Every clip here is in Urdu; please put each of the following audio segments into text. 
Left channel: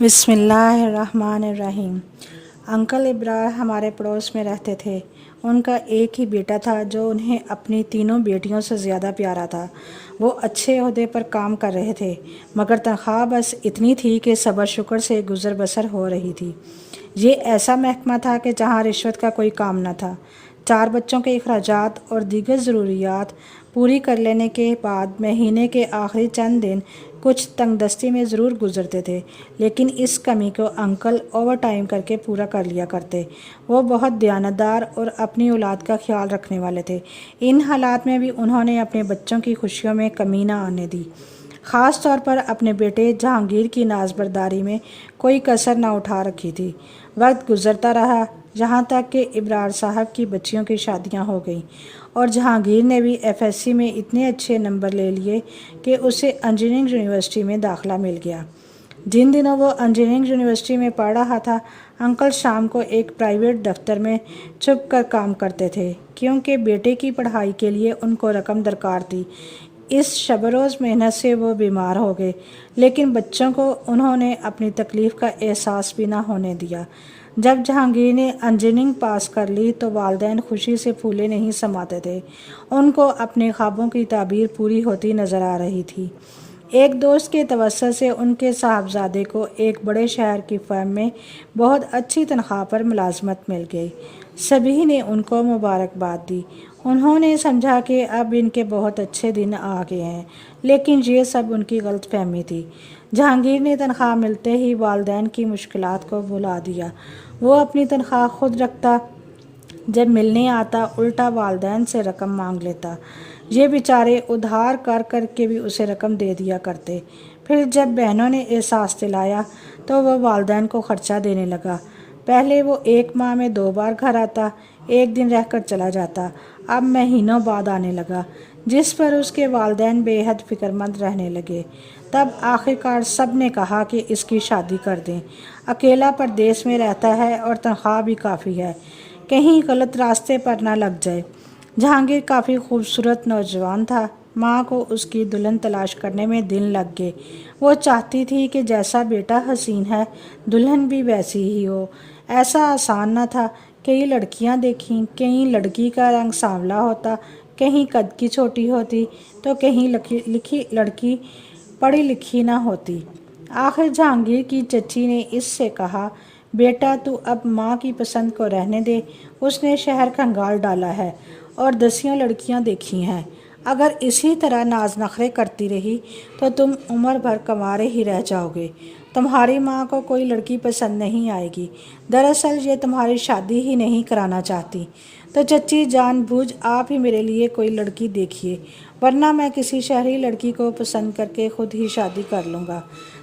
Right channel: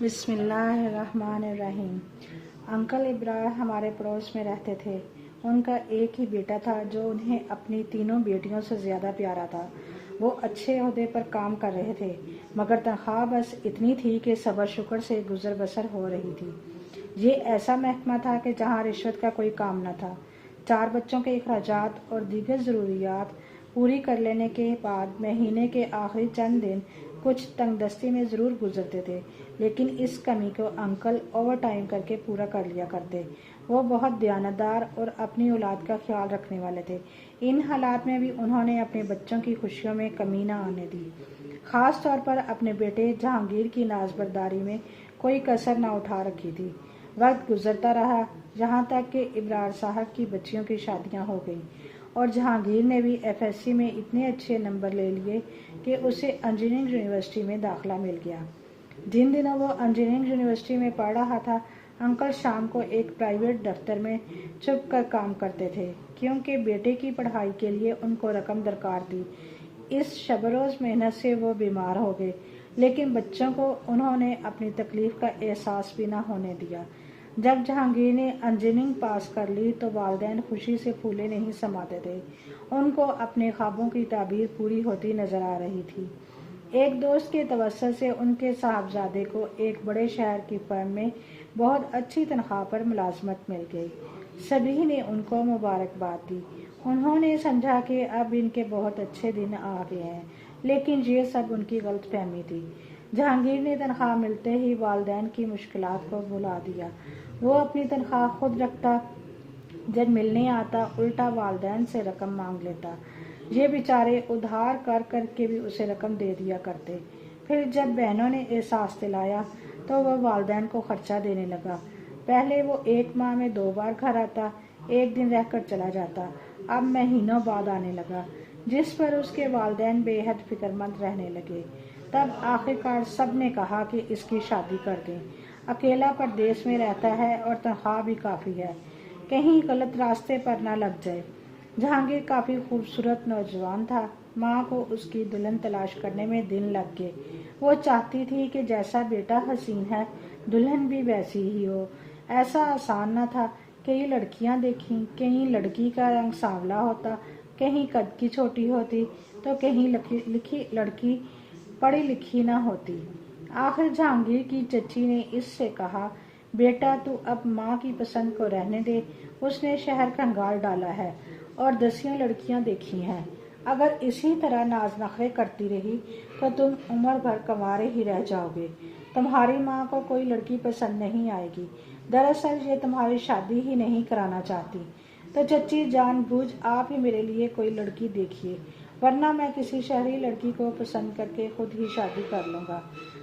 بسم اللہ الرحمن الرحیم۔ انکل ابرار ہمارے پڑوس میں رہتے تھے۔ ان کا ایک ہی بیٹا تھا جو انہیں اپنی تینوں بیٹیوں سے زیادہ پیارا تھا۔ وہ اچھے عہدے پر کام کر رہے تھے، مگر تنخواہ بس اتنی تھی کہ صبر شکر سے گزر بسر ہو رہی تھی۔ یہ ایسا محکمہ تھا کہ جہاں رشوت کا کوئی کام نہ تھا۔ 4 بچوں کے اخراجات اور دیگر ضروریات پوری کر لینے کے بعد مہینے کے آخری چند دن کچھ تنگ دستی میں ضرور گزرتے تھے، لیکن اس کمی کو انکل اوور ٹائم کر کے پورا کر لیا کرتے۔ وہ بہت دیانتدار اور اپنی اولاد کا خیال رکھنے والے تھے۔ ان حالات میں بھی انہوں نے اپنے بچوں کی خوشیوں میں کمی نہ آنے دی۔ خاص طور پر اپنے بیٹے جہانگیر کی نازبرداری میں کوئی کسر نہ اٹھا رکھی تھی۔ وقت گزرتا رہا، یہاں تک کہ ابرار صاحب کی بچیوں کی شادیاں ہو گئیں اور جہانگیر نے بھی FSC میں اتنے اچھے نمبر لے لیے کہ اسے انجینئرنگ یونیورسٹی میں داخلہ مل گیا۔ جن دنوں وہ انجینئرنگ یونیورسٹی میں پڑھ رہا تھا، انکل شام کو ایک پرائیویٹ دفتر میں چھپ کر کام کرتے تھے، کیونکہ بیٹے کی پڑھائی کے لیے ان کو رقم درکار تھی۔ اس شب روز محنت سے وہ بیمار ہو گئے، لیکن بچوں کو انہوں نے اپنی تکلیف کا احساس بھی نہ ہونے دیا۔ جب جہانگیر نے انجینئرنگ پاس کر لی تو والدین خوشی سے پھولے نہیں سماتے تھے۔ ان کو اپنے خوابوں کی تعبیر پوری ہوتی نظر آ رہی تھی۔ ایک دوست کے توسط سے ان کے صاحبزادے کو ایک بڑے شہر کی فرم میں بہت اچھی تنخواہ پر ملازمت مل گئی۔ سبھی نے ان کو مبارکباد دی۔ انہوں نے سمجھا کہ اب ان کے بہت اچھے دن آ گئے ہیں، لیکن یہ سب ان کی غلط فہمی تھی۔ جہانگیر نے تنخواہ ملتے ہی والدین کی مشکلات کو بھلا دیا۔ وہ اپنی تنخواہ خود رکھتا، جب ملنے آتا الٹا والدین سے رقم مانگ لیتا۔ یہ بیچارے ادھار کر کر کے بھی اسے رقم دے دیا کرتے۔ پھر جب بہنوں نے احساس دلایا تو وہ والدین کو خرچہ دینے لگا۔ پہلے وہ 1 ماہ میں 2 بار گھر آتا، 1 دن رہ کر چلا جاتا، اب مہینوں بعد آنے لگا، جس پر اس کے والدین بے حد فکر مند رہنے لگے۔ تب آخرکار سب نے کہا کہ اس کی شادی کر دیں۔ اکیلا پردیس میں رہتا ہے اور تنخواہ بھی کافی ہے، کہیں غلط راستے پر نہ لگ جائے۔ جہانگیر کافی خوبصورت نوجوان تھا۔ ماں کو اس کی دلہن تلاش کرنے میں دن لگ گئے۔ وہ چاہتی تھی کہ جیسا بیٹا حسین ہے، دلہن بھی ویسی ہی ہو۔ ایسا آسان نہ تھا۔ کئی لڑکیاں دیکھیں، کہیں لڑکی کا رنگ سانولا ہوتا، کہیں قد کی چھوٹی ہوتی، تو کہیں لڑکی پڑھی لکھی نہ ہوتی۔ آخر جہانگیر کی چچی نے اس سے کہا، بیٹا تو اب ماں کی پسند کو رہنے دے۔ اس نے شہر کھنگال ڈالا ہے اور 10 لڑکیاں دیکھی ہیں۔ اگر اسی طرح ناز نخرے کرتی رہی تو تم عمر بھر کنوارے ہی رہ جاؤ گے۔ تمہاری ماں کو کوئی لڑکی پسند نہیں آئے گی۔ دراصل یہ تمہاری شادی ہی نہیں کرانا چاہتی۔ تو چچی جان بوجھ آپ ہی میرے لیے کوئی لڑکی دیکھیے، ورنہ میں کسی شہری لڑکی کو پسند کر کے خود ہی شادی کر لوں گا،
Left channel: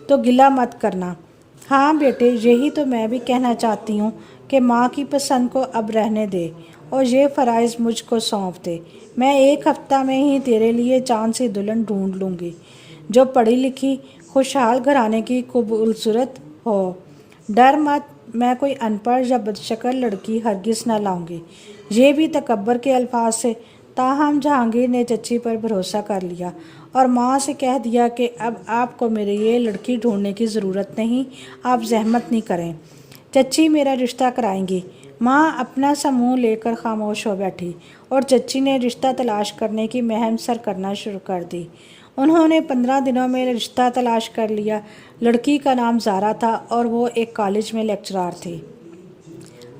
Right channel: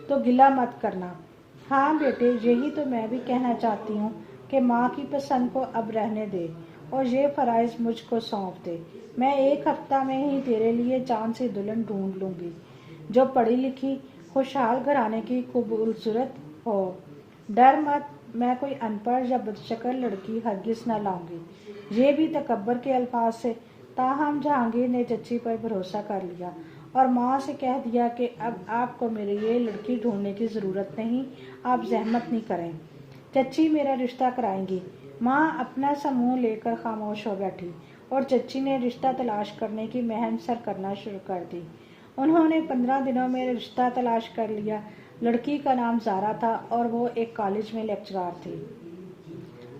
تو گلہ مت کرنا۔ ہاں بیٹے، یہی تو میں بھی کہنا چاہتی ہوں کہ ماں کی پسند کو اب رہنے دے اور یہ فرائض مجھ کو سونپ دے۔ میں 1 ہفتہ میں ہی تیرے لیے چاند سی دلہن ڈھونڈ لوں گی، جو پڑھی لکھی، خوشحال گھرانے کی خوبصورت ہو۔ ڈر مت، میں کوئی ان پڑھ یا بدشکل لڑکی ہرگز نہ لاؤں گی۔ یہ بھی تکبر کے الفاظ سے۔ تاہم جہانگیر نے چچی پر بھروسہ کر لیا اور ماں سے کہہ دیا کہ اب آپ کو میرے لیے لڑکی ڈھونڈنے کی ضرورت نہیں، آپ زحمت نہیں کریں، چچی میرا رشتہ کرائیں گی۔ ماں اپنا سا منہ لے کر خاموش ہو بیٹھی اور چچی نے رشتہ تلاش کرنے کی مہم سر کرنا شروع کر دی۔ انہوں نے 15 دنوں میں رشتہ تلاش کر لیا۔ لڑکی کا نام زارا تھا اور وہ ایک کالج میں لیکچرار تھی۔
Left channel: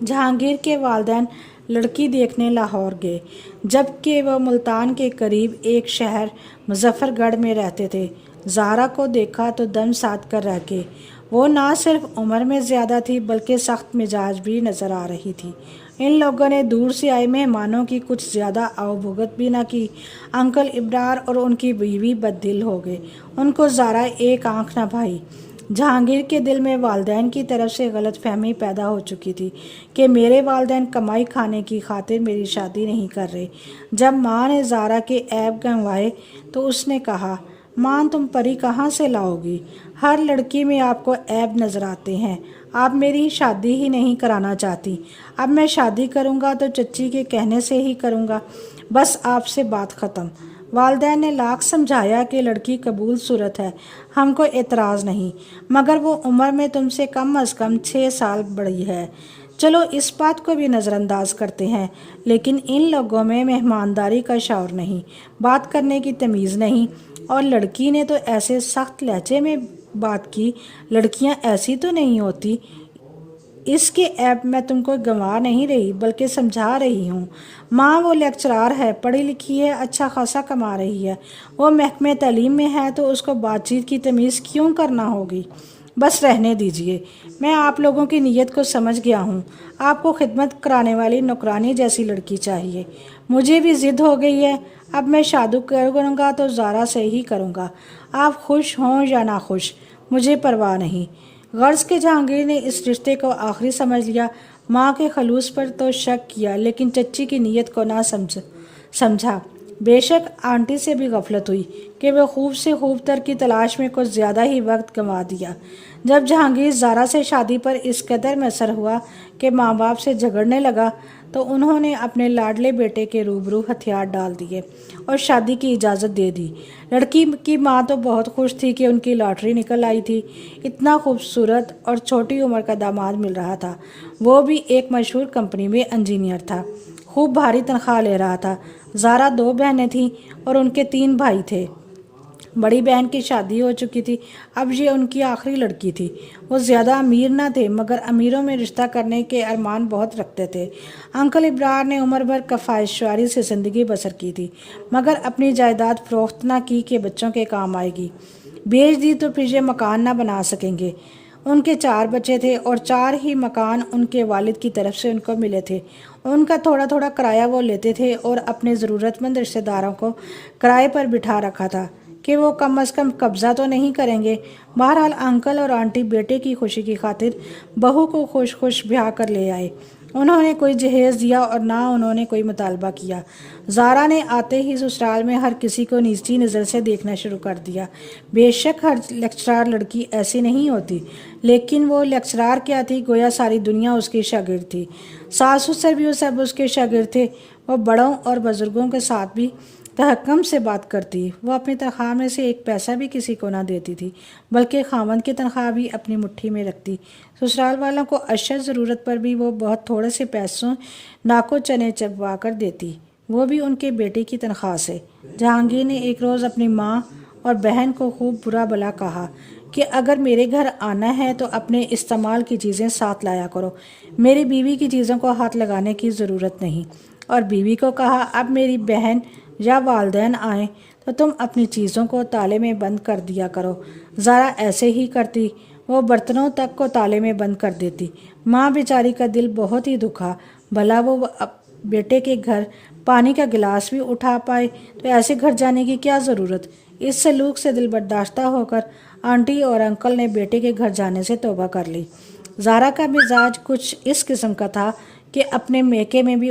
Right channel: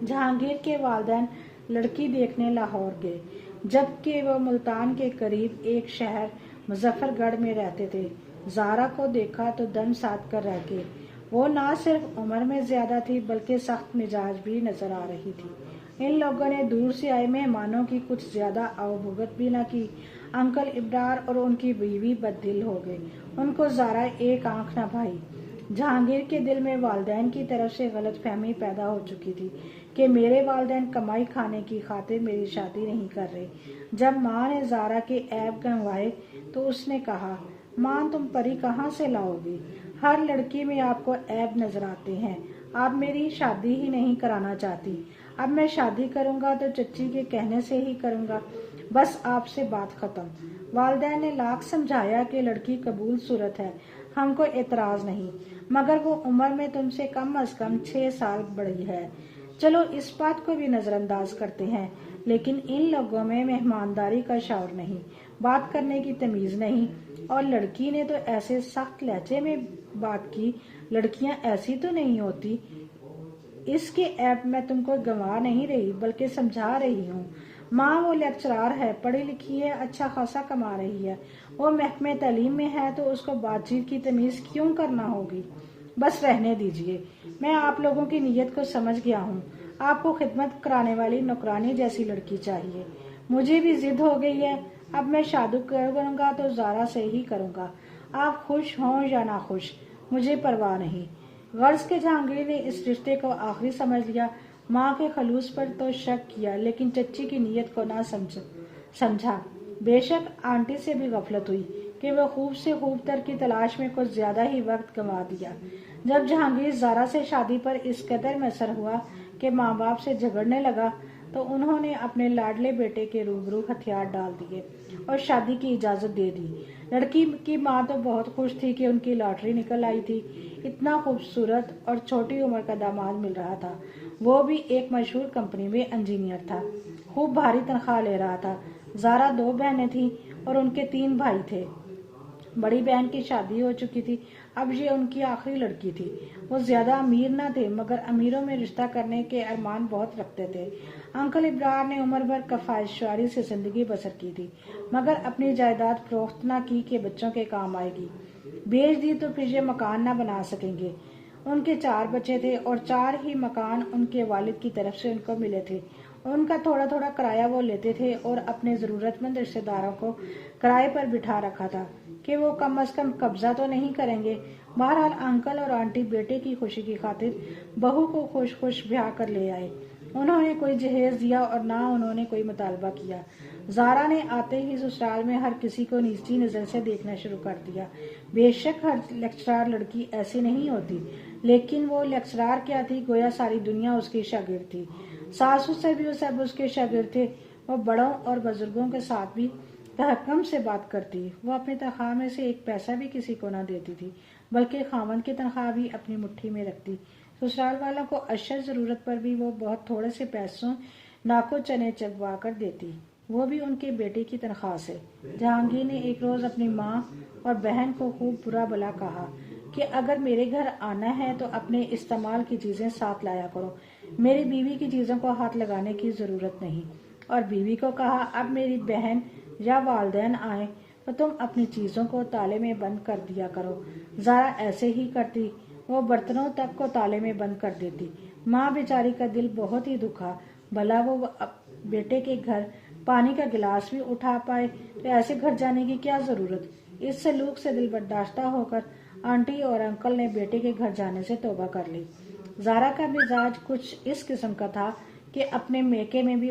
جہانگیر کے والدین لڑکی دیکھنے لاہور گئے، جبکہ وہ ملتان کے قریب ایک شہر مظفر گڑھ میں رہتے تھے۔ زارا کو دیکھا تو دم ساتھ کر رہ گئے۔ وہ نہ صرف عمر میں زیادہ تھی بلکہ سخت مزاج بھی نظر آ رہی تھی۔ ان لوگوں نے دور سے آئے مہمانوں کی کچھ زیادہ آؤ بھگت بھی نہ کی۔ انکل ابرار اور ان کی بیوی بد دل ہو گئے۔ ان کو زارا ایک آنکھ نہ بھائی۔ جہانگیر کے دل میں والدین کی طرف سے غلط فہمی پیدا ہو چکی تھی کہ میرے والدین کمائی کھانے کی خاطر میری شادی نہیں کر رہے۔ جب ماں نے زارا کے عیب گنوائے تو اس نے کہا، ماں تم پری کہاں سے لاؤ گی؟ ہر لڑکی میں آپ کو عیب نظر آتے ہیں۔ آپ میری شادی ہی نہیں کرانا چاہتی۔ اب میں شادی کروں گا تو چچی کے کہنے سے ہی کروں گا، بس آپ سے بات ختم۔ والدین نے لاکھ سمجھایا کہ لڑکی قبول صورت ہے، ہم کو اعتراض نہیں، مگر وہ عمر میں تم سے کم از کم 6 سال بڑی ہے۔ چلو اس بات کو بھی نظر انداز کرتے ہیں، لیکن ان لوگوں میں مہمانداری کا شعور نہیں، بات کرنے کی تمیز نہیں۔ اور لڑکی نے تو ایسے سخت لہجے میں بات کی، لڑکیاں ایسی تو نہیں ہوتی۔ اس کے عیب میں تم کو گنوا نہیں رہی بلکہ سمجھا رہی ہوں۔ ماں وہ لیکچرار ہے، پڑھی لکھی ہے، اچھا خاصا کما رہی ہے، وہ محکمہ تعلیم میں ہے، تو اس کو بات چیت کی تمیز کیوں کرنا ہوگی؟ بس رہنے دیجئے، میں آپ لوگوں کی نیت کو سمجھ گیا ہوں۔ آپ کو خدمت کرانے والی نوکرانی جیسی لڑکی چاہیے۔ مجھے بھی ضد ہو گئی ہے، اب میں شادی کروں گا تو زارا سے ہی کروں گا، آپ خوش ہوں یا ناخوش مجھے پرواہ نہیں۔ غرض کہ جہانگیر نے اس رشتے کو آخری سمجھ لیا۔ ماں کے خلوص پر تو شک کیا، لیکن چچی کی نیت کو نہ سمجھا۔ بے شک آنٹی سے بھی غفلت ہوئی کہ وہ خوب سے خوب تر کی تلاش میں کچھ زیادہ ہی وقت گنوا دیا۔ جب جہانگیر زارا سے شادی پر اس قدر مصر ہوا کہ ماں باپ سے جھگڑنے لگا، تو انہوں نے اپنے لاڈلے بیٹے کے روبرو ہتھیار ڈال دیے اور شادی کی اجازت دے دی۔ لڑکی کی ماں تو بہت خوش تھی کہ ان کی لاٹری نکل آئی تھی، اتنا خوبصورت اور چھوٹی عمر کا داماد مل رہا تھا، وہ بھی ایک مشہور کمپنی میں انجینئر تھا، خوب بھاری تنخواہ لے رہا تھا۔ زارا 2 بہنیں تھیں اور ان کے 3 بھائی تھے۔ بڑی بہن کی شادی ہو چکی تھی، اب یہ ان کی آخری لڑکی تھی۔ وہ زیادہ امیر نہ تھے، مگر امیروں میں رشتہ کرنے کے ارمان بہت رکھتے تھے۔ انکل ابرار نے عمر بھر کفایت سے زندگی بسر کی تھی، مگر اپنی جائیداد فروخت نہ کی کہ بچوں کے کام آئے گی۔ بیچ دی تو پھر یہ مکان نہ بنا سکیں گے۔ ان کے 4 بچے تھے اور 4 ہی مکان ان کے والد کی طرف سے ان کو ملے تھے۔ ان کا تھوڑا تھوڑا کرایہ وہ لیتے تھے اور اپنے ضرورت مند رشتہ داروں کو کرائے پر بٹھا رکھا تھا کہ وہ کم از کم قبضہ تو نہیں کریں گے۔ بہرحال انکل اور آنٹی بیٹے کی خوشی کی خاطر بہو کو خوش بیاہ کر لے آئے۔ انہوں نے کوئی جہیز دیا اور نہ انہوں نے کوئی مطالبہ کیا۔ زارا نے آتے ہی سسرال میں ہر کسی کو نیچی نظر سے دیکھنا شروع کر دیا۔ بے شک ہر لیکچرار لڑکی ایسی نہیں ہوتی، لیکن وہ لیکچرار کیا تھی، گویا ساری دنیا اس کی شاگرد تھی۔ ساس سسر بھی سب اس کے شاگرد تھے۔ وہ بڑوں اور بزرگوں کے ساتھ بھی تحکم سے بات کرتی، وہ اپنی تنخواہ میں سے 1 پیسہ بھی کسی کو نہ دیتی تھی، بلکہ خاوند کی تنخواہ بھی اپنی مٹھی میں رکھتی۔ سسرال والوں کو اشد ضرورت پر بھی وہ بہت تھوڑے سے پیسوں ناکو چنے چبوا کر دیتی، وہ بھی ان کے بیٹے کی تنخواہ سے۔ جہانگیر نے ایک روز اپنی ماں اور بہن کو خوب برا بھلا کہا کہ اگر میرے گھر آنا ہے تو اپنے استعمال کی چیزیں ساتھ لایا کرو، میری بیوی کی چیزوں کو ہاتھ لگانے کی ضرورت نہیں۔ اور بیوی کو کہا اب میری بہن یا والدین آئیں تو تم اپنی چیزوں کو تالے میں بند کر دیا کرو۔ زارا ایسے ہی کرتی، وہ برتنوں تک کو تالے میں بند کر دیتی۔ ماں بیچاری کا دل بہت ہی دکھا، بھلا وہ بیٹے کے گھر پانی کا گلاس بھی اٹھا پائے تو ایسے گھر جانے کی کیا ضرورت؟ اس سلوک سے دل برداشتہ ہو کر آنٹی اور انکل نے بیٹے کے گھر جانے سے توبہ کر لی۔ زارا کا مزاج کچھ اس قسم کا تھا کہ اپنے میکے میں بھی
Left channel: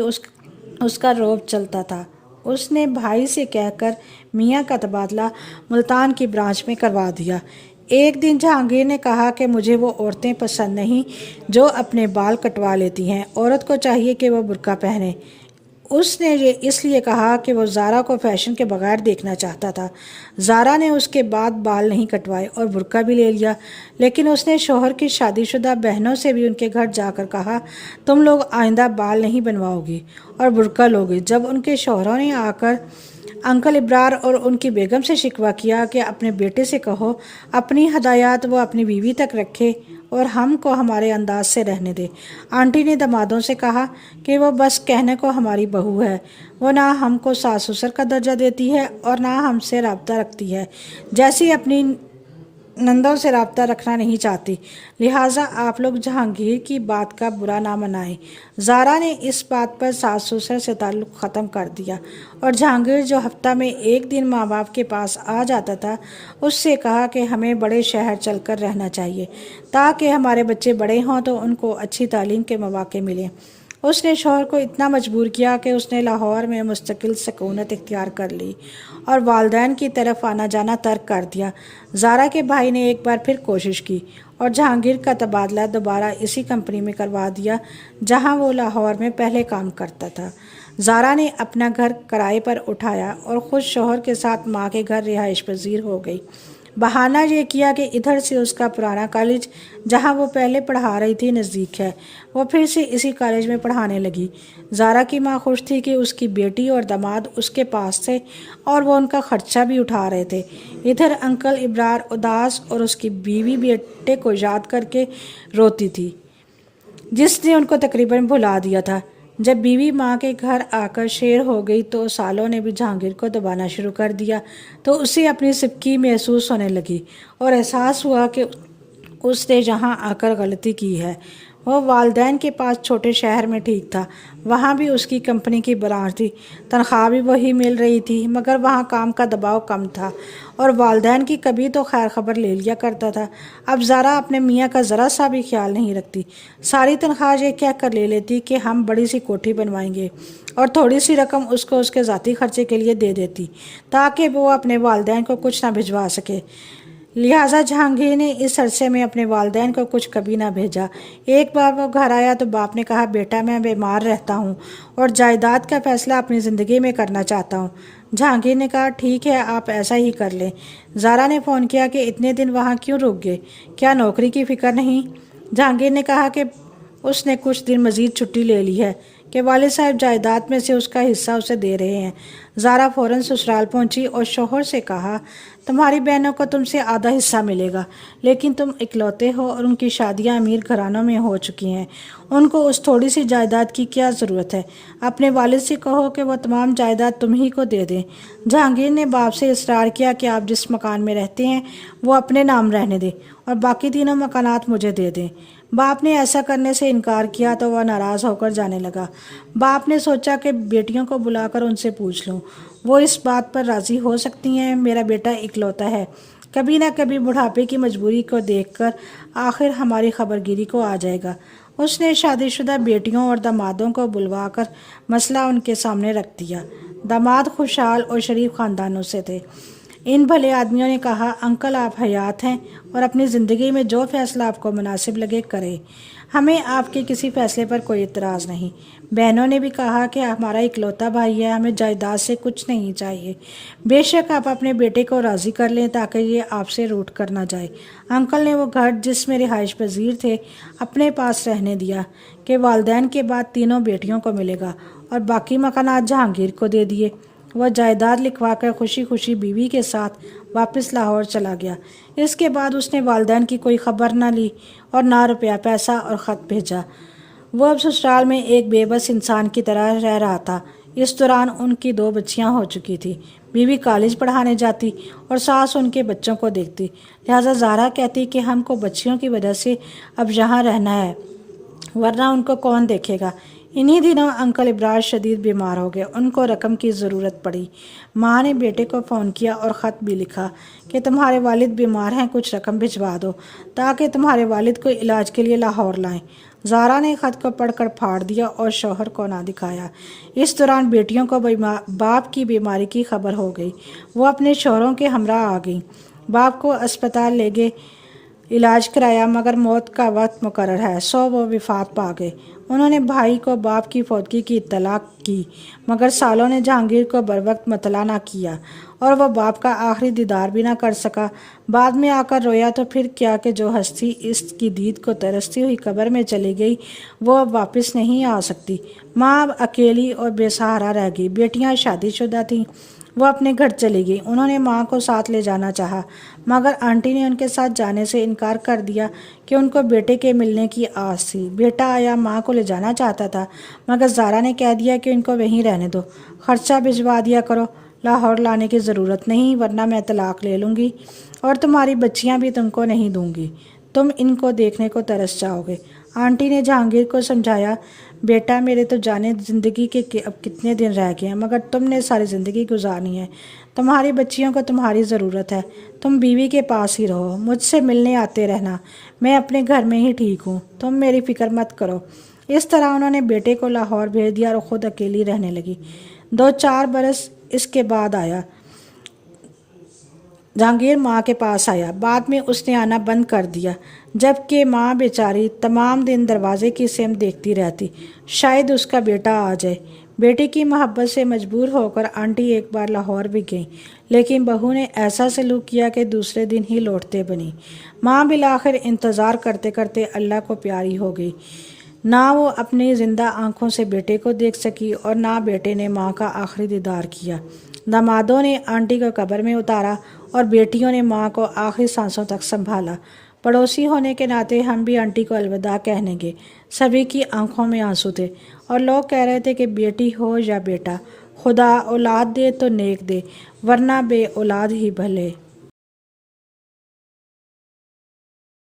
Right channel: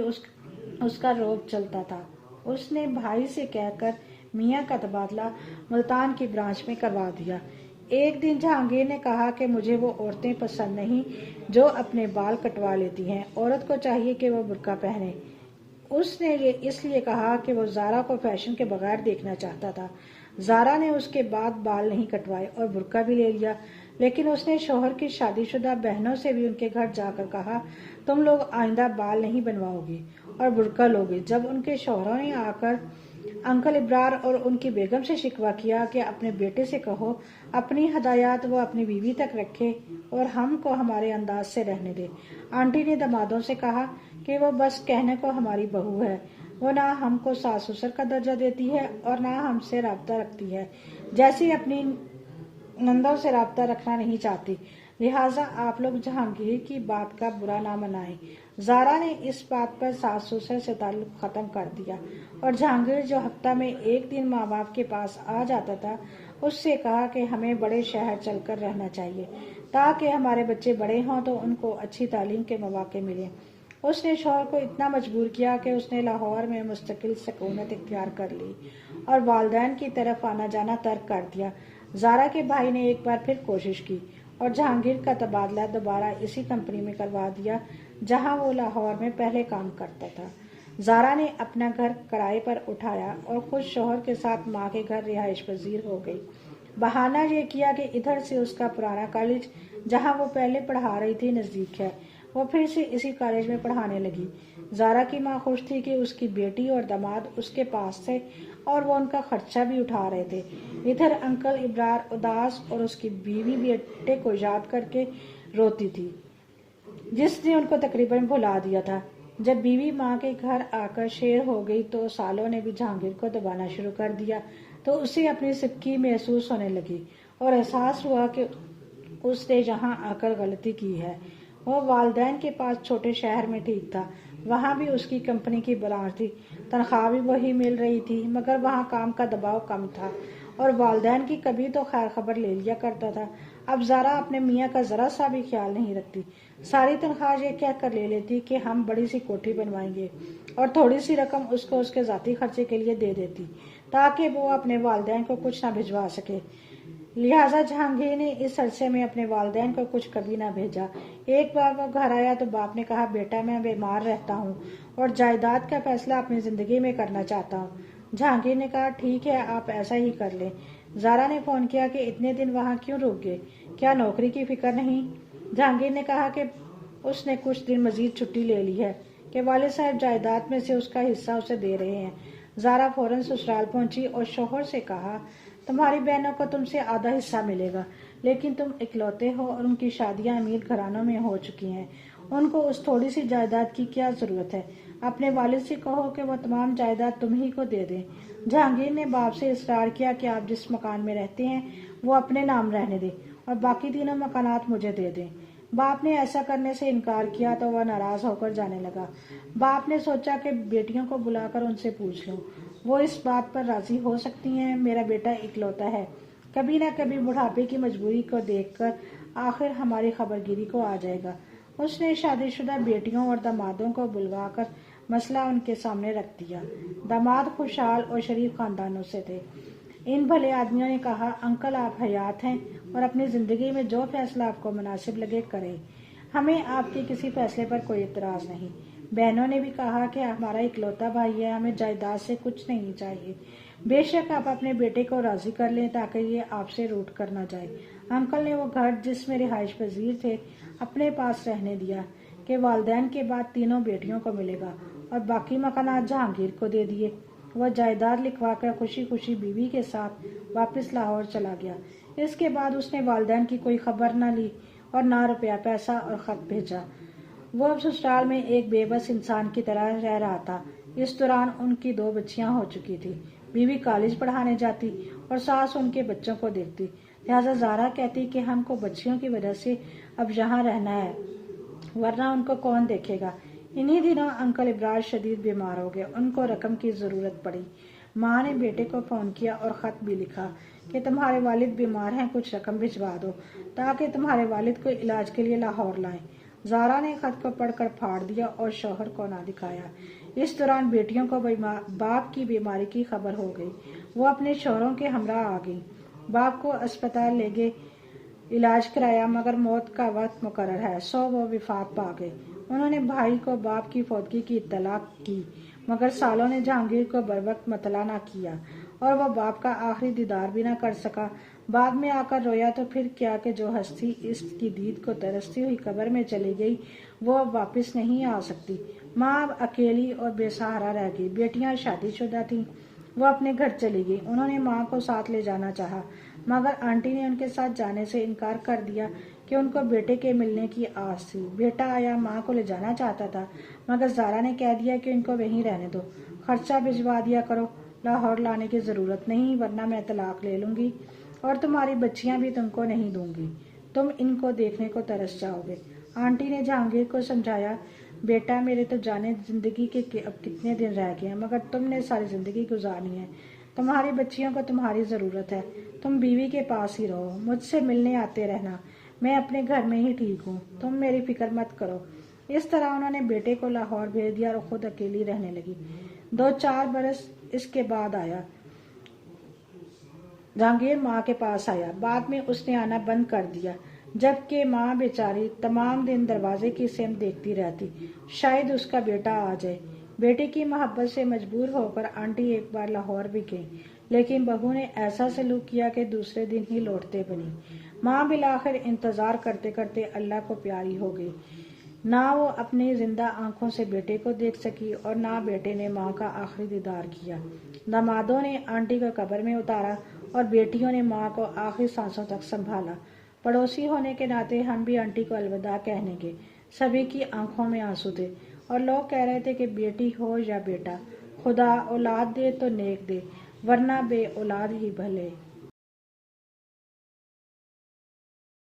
اس کا روب چلتا تھا۔ اس نے بھائی سے کہہ کر میاں کا تبادلہ ملتان کی برانچ میں کروا دیا۔ ایک دن جہانگیر نے کہا کہ مجھے وہ عورتیں پسند نہیں جو اپنے بال کٹوا لیتی ہیں، عورت کو چاہیے کہ وہ برقع پہنے۔ اس نے یہ اس لیے کہا کہ وہ زارا کو فیشن کے بغیر دیکھنا چاہتا تھا۔ زارا نے اس کے بعد بال نہیں کٹوائے اور برقع بھی لے لیا، لیکن اس نے شوہر کی شادی شدہ بہنوں سے بھی ان کے گھر جا کر کہا تم لوگ آئندہ بال نہیں بنواؤ گی اور برقع لوگے۔ جب ان کے شوہروں نے آ کر انکل ابرار اور ان کی بیگم سے شکوہ کیا کہ اپنے بیٹے سے کہو اپنی ہدایات وہ اپنی بیوی تک رکھے اور ہم کو ہمارے انداز سے رہنے دے، آنٹی نے دمادوں سے کہا کہ وہ بس کہنے کو ہماری بہو ہے، وہ نہ ہم کو ساس سسر کا درجہ دیتی ہے اور نہ ہم سے رابطہ رکھتی ہے، جیسی اپنی نندوں سے رابطہ رکھنا نہیں چاہتی، لہٰذا آپ لوگ جہانگیر کی بات کا برا نہ منائیں۔ زارا نے اس بات پر ساس سسر سے تعلق ختم کر دیا اور جہانگیر جو ہفتہ میں 1 دن ماں باپ کے پاس آ جاتا تھا، اس سے کہا کہ ہمیں بڑے شہر چل کر رہنا چاہیے تاکہ ہمارے بچے بڑے ہوں تو ان کو اچھی تعلیم کے مواقع ملیں۔ اس نے شوہر کو اتنا مجبور کیا کہ اس نے لاہور میں مستقل سکونت اختیار کر لی اور والدین کی طرف آنا جانا ترک کر دیا۔ زارا کے بھائی نے ایک بار پھر کوشش کی اور جہانگیر کا تبادلہ دوبارہ اسی کمپنی میں کروا دیا جہاں وہ لاہور میں پہلے کام کرتا تھا۔ زارا نے اپنا گھر کرائے پر اٹھایا اور خود شوہر کے ساتھ ماں کے گھر رہائش پذیر ہو گئی۔ بہانہ یہ کیا کہ ادھر سے اس کا پرانا کالج جہاں وہ پہلے پڑھا رہی تھی نزدیک ہے، وہ پھر سے اسی کالج میں پڑھانے لگی۔ زارا کی ماں خوش تھی کہ اس کی بیٹی اور داماد اس کے پاس تھے اور وہ ان کا خرچہ بھی اٹھا رہے تھے۔ ادھر انکل ابرار اداس اور اس کی بیوی بیٹے کو یاد کر کے روتی تھی، جس نے ان کو تقریباً بھلا دیا تھا۔ جب بیوی ماں کے گھر آ کر شیر ہو گئی تو سالوں نے بھی جہانگیر کو دبانا شروع کر دیا، تو اسے اپنی سبکی محسوس ہونے لگی اور احساس ہوا کہ اس نے یہاں آ کر غلطی کی ہے۔ وہ والدین کے پاس چھوٹے شہر میں ٹھیک تھا، وہاں بھی اس کی کمپنی کی برانچ تھی، تنخواہ بھی وہی مل رہی تھی، مگر وہاں کام کا دباؤ کم تھا اور والدین کی کبھی تو خیر خبر لے لیا کرتا تھا۔ اب زارا اپنے میاں کا ذرا سا بھی خیال نہیں رکھتی، ساری تنخواہ یہ کہہ کر لے لیتی کہ ہم بڑی سی کوٹھی بنوائیں گے اور تھوڑی سی رقم اس کو اس کے ذاتی خرچے کے لیے دے دیتی تاکہ وہ اپنے والدین کو کچھ نہ بھجوا سکے۔ لہٰذا جہانگیر نے اس عرصے میں اپنے والدین کو کچھ کبھی نہ بھیجا۔ ایک بار وہ گھر آیا تو باپ نے کہا، بیٹا میں بیمار رہتا ہوں اور جائیداد کا فیصلہ اپنی زندگی میں کرنا چاہتا ہوں۔ جہانگیر نے کہا، ٹھیک ہے، آپ ایسا ہی کر لیں۔ زارا نے فون کیا کہ اتنے دن وہاں کیوں رک گئے، کیا نوکری کی فکر نہیں؟ جہانگیر نے کہا کہ اس نے کچھ دن مزید چھٹی لے لی ہے کہ والد صاحب جائیداد میں سے اس کا حصہ اسے دے رہے ہیں۔ زارا فوراً سسرال پہنچی اور شوہر سے کہا، تمہاری بہنوں کو تم سے آدھا حصہ ملے گا، لیکن تم اکلوتے ہو اور ان کی شادیاں امیر گھرانوں میں ہو چکی ہیں، ان کو اس تھوڑی سی جائیداد کی کیا ضرورت ہے؟ اپنے والد سے کہو کہ وہ تمام جائیداد تم ہی کو دے دیں۔ جہانگیر نے باپ سے اصرار کیا کہ آپ جس مکان میں رہتے ہیں وہ اپنے نام رہنے دیں اور باقی تینوں مکانات مجھے دے دیں۔ باپ نے ایسا کرنے سے انکار کیا تو وہ ناراض ہو کر جانے لگا۔ باپ نے سوچا کہ بیٹیوں کو بلا کر ان سے پوچھ لوں، وہ اس بات پر راضی ہو سکتی ہیں، میرا بیٹا اکلوتا ہے، کبھی نہ کبھی بڑھاپے کی مجبوری کو دیکھ کر آخر ہماری خبرگیری کو آ جائے گا۔ اس نے شادی شدہ بیٹیوں اور دامادوں کو بلوا کر مسئلہ ان کے سامنے رکھ دیا۔ داماد خوشحال اور شریف خاندانوں سے تھے۔ ان بھلے آدمیوں نے کہا، انکل آپ حیات ہیں اور اپنی زندگی میں جو فیصلہ آپ کو مناسب لگے کریں، ہمیں آپ کے کسی فیصلے پر کوئی اعتراض نہیں۔ بہنوں نے بھی کہا کہ ہمارا اکلوتا بھائی ہے، ہمیں جائیداد سے کچھ نہیں چاہیے، بے شک آپ اپنے بیٹے کو راضی کر لیں تاکہ یہ آپ سے روٹ کر نہ جائے۔ انکل نے وہ گھر جس میں رہائش پذیر تھے اپنے پاس رہنے دیا کہ والدین کے بعد تینوں بیٹیوں کو ملے گا اور باقی مکانات جہانگیر کو دے دیے۔ وہ جائیداد لکھوا کر خوشی خوشی بیوی کے ساتھ واپس لاہور چلا گیا۔ اس کے بعد اس نے والدین کی کوئی خبر نہ لی اور نہ روپیہ پیسہ اور خط بھیجا۔ وہ اب سسرال میں ایک بے بس انسان کی طرح رہ رہا تھا۔ اس دوران ان کی 2 بچیاں ہو چکی تھی، بیوی کالج پڑھانے جاتی اور ساس ان کے بچوں کو دیکھتی۔ لہٰذا زارا کہتی کہ ہم کو بچیوں کی وجہ سے اب یہاں رہنا ہے، ورنہ ان کو کون دیکھے گا۔ انہی دنوں انکل ابراج شدید بیمار ہو گئے، ان کو رقم کی ضرورت پڑی۔ ماں نے بیٹے کو فون کیا اور خط بھی لکھا کہ تمہارے والد بیمار ہیں، کچھ رقم بھجوا دو تاکہ تمہارے والد کو علاج کے لیے لاہور لائیں۔ زارا نے خط کو پڑھ کر پھاڑ دیا اور شوہر کو نہ دکھایا۔ اس دوران بیٹیوں کو باپ کی بیماری کی خبر ہو گئی، وہ اپنے شوہروں کے ہمراہ آ گئیں، باپ کو اسپتال لے گئے، علاج کرایا، مگر موت کا وقت مقرر ہے سو وہ وفات پا گئے۔ انہوں نے بھائی کو باپ کی فوتگی کی اطلاع کی، مگر سالوں نے جہانگیر کو بروقت مطلع نہ کیا اور وہ باپ کا آخری دیدار بھی نہ کر سکا۔ بعد میں آ کر رویا تو پھر کیا کہ جو ہستی اس کی دید کو ترستی ہوئی قبر میں چلی گئی وہ اب واپس نہیں آ سکتی۔ ماں اب اکیلی اور بے سہارا رہ گئی۔ بیٹیاں شادی شدہ تھیں، وہ اپنے گھر چلی گئی۔ انہوں نے ماں کو ساتھ لے جانا چاہا، مگر آنٹی نے ان کے ساتھ جانے سے انکار کر دیا کہ ان کو بیٹے کے ملنے کی آس تھی۔ بیٹا آیا، ماں کو لے جانا چاہتا تھا، مگر زارا نے کہہ دیا کہ ان کو وہیں رہنے دو، خرچہ بھجوا دیا کرو، لاہور لانے کی ضرورت نہیں، ورنہ میں طلاق لے لوں گی اور تمہاری بچیاں بھی تم کو نہیں دوں گی، تم ان کو دیکھنے کو ترس جاؤ گے۔ آنٹی نے جہانگیر کو سمجھایا، بیٹا میرے تو جانے زندگی کے اب کتنے دن رہ گئے ہیں، مگر تم نے ساری زندگی گزارنی ہے، تمہاری بچیوں کو تمہاری ضرورت ہے، تم بیوی کے پاس ہی رہو، مجھ سے ملنے آتے رہنا، میں اپنے گھر میں ہی ٹھیک ہوں، تم میری فکر مت کرو۔ اس طرح انہوں نے بیٹے کو لاہور بھیج دیا اور خود اکیلی رہنے لگی۔ 2-4 برس اس کے بعد آیا جہانگیر ماں کے پاس آیا، بعد میں اس نے آنا بند کر دیا، جبکہ ماں بیچاری تمام دن دروازے کی سمت دیکھتی رہتی، شاید اس کا بیٹا آ جائے۔ بیٹی کی محبت سے مجبور ہو کر آنٹی ایک بار لاہور بھی گئیں، لیکن بہو نے ایسا سلوک کیا کہ دوسرے دن ہی لوٹتے بنی۔ ماں بالآخر انتظار کرتے کرتے اللہ کو پیاری ہو گئی۔ نہ وہ اپنی زندہ آنکھوں سے بیٹے کو دیکھ سکی اور نہ بیٹے نے ماں کا آخری دیدار کیا۔ دامادوں نے آنٹی کو قبر میں اتارا اور بیٹیوں نے ماں کو آخری سانسوں تک سنبھالا۔ پڑوسی ہونے کے ناطے ہم بھی آنٹی کو الوداع کہنے گے۔ سبھی کی آنکھوں میں آنسو تھے اور لوگ کہہ رہے تھے کہ بیٹی ہو یا بیٹا، خدا اولاد دے تو نیک دے، ورنہ بے اولاد ہی بھلے۔